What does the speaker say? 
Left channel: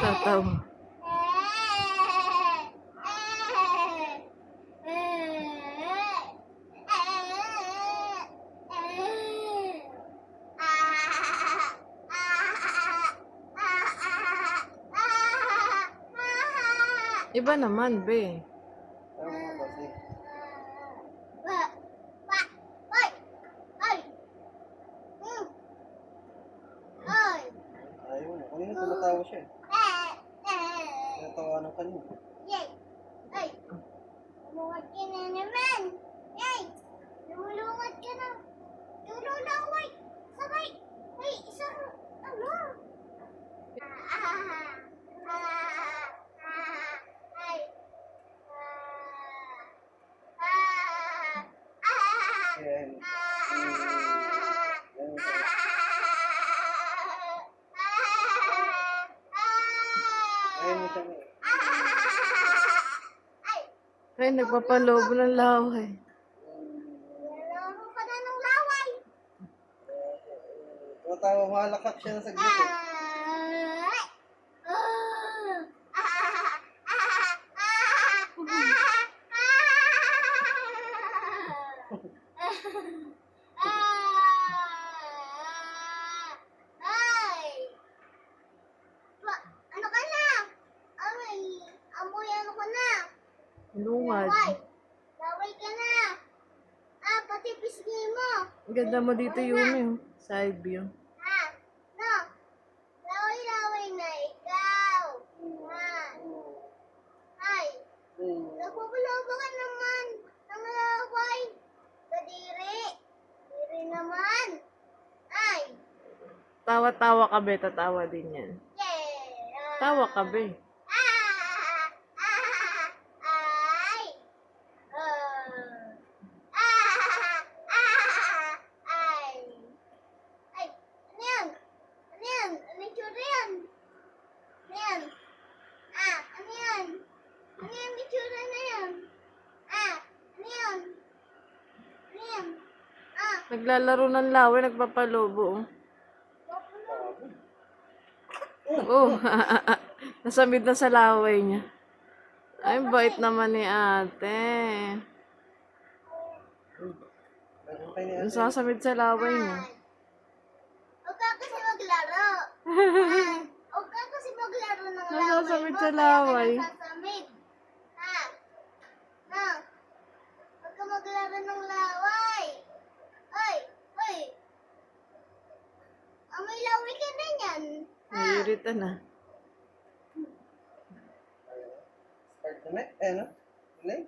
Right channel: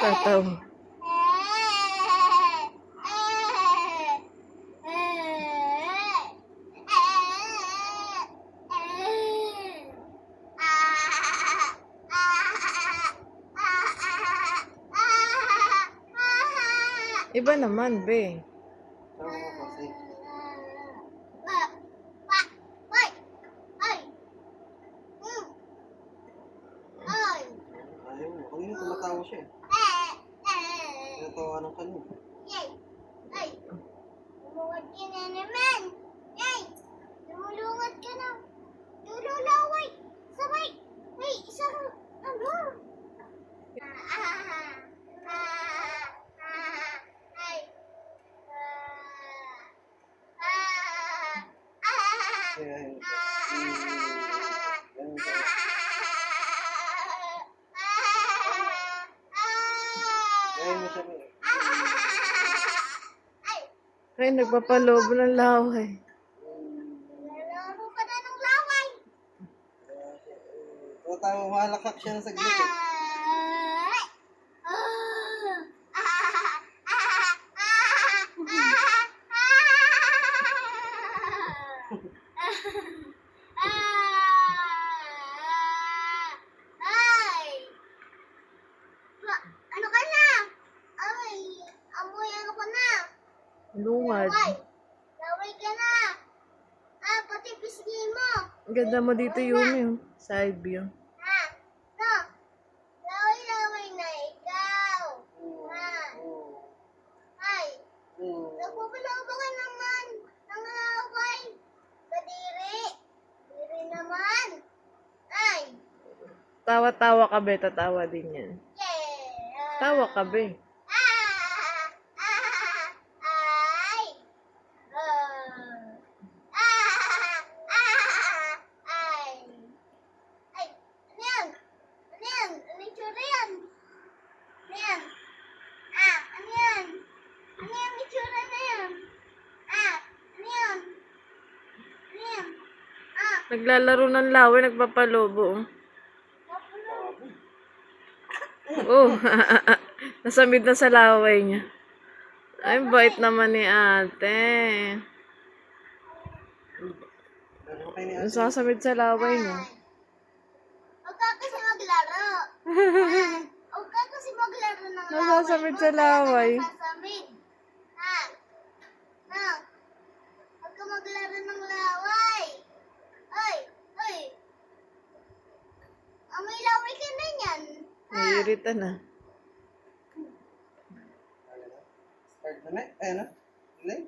Tatawa. Iba naman, be. Oo, kasi. Ayaw mo. Kanina tumatawa siya eh. Tinatawanan ka niya. Lumungad ka na naman. Yay! Lumulungad ka na. Lululaway. Sabay. Ay, isang ano? Ay. Kaya hindi. Ganun ka. Kaya mo siya eh. Ay, nagpapalobo ng laway. Nalaro ka na ng laway. Tumatawa, malakak siya na saglit eh. Ano ka na? Ay, amoy ano ka na? Lungad. Laway ka na. Pati pisngi mo. Ang ganda mo dito, Yumi. Oh. Side view. No. Laway na ikaw. Ay, nagpapalaba ka naman ng laway. Kadiri. Diri naman. Ay. Tawa-tawa ka, be. Tatawa din yan. Yeah. Tawa ka, be. Ay. Ay. Ay. Ano yan? Ano yan? Ano yung tsura yan? Ano yan? Ano yan? Ano yan yung tsura na yan? Ano yan? Ano yan? Naglalaro ng laway, nagpapalobo. Oh. Oh, nasamid na sa laway niya. Ay, bait naman ni ate. Pero kayo ni ate. Nasasamid sa laway niya. Huwag ka kasi maglaro. Huwag ka kasi maglaro ng laway. Nasasamid sa Kaya laway. ka nasasamid. Huwag ka maglaro ng laway. Ay. Amoy laway ka na yan. Naiirita na. Start na, ano? Play?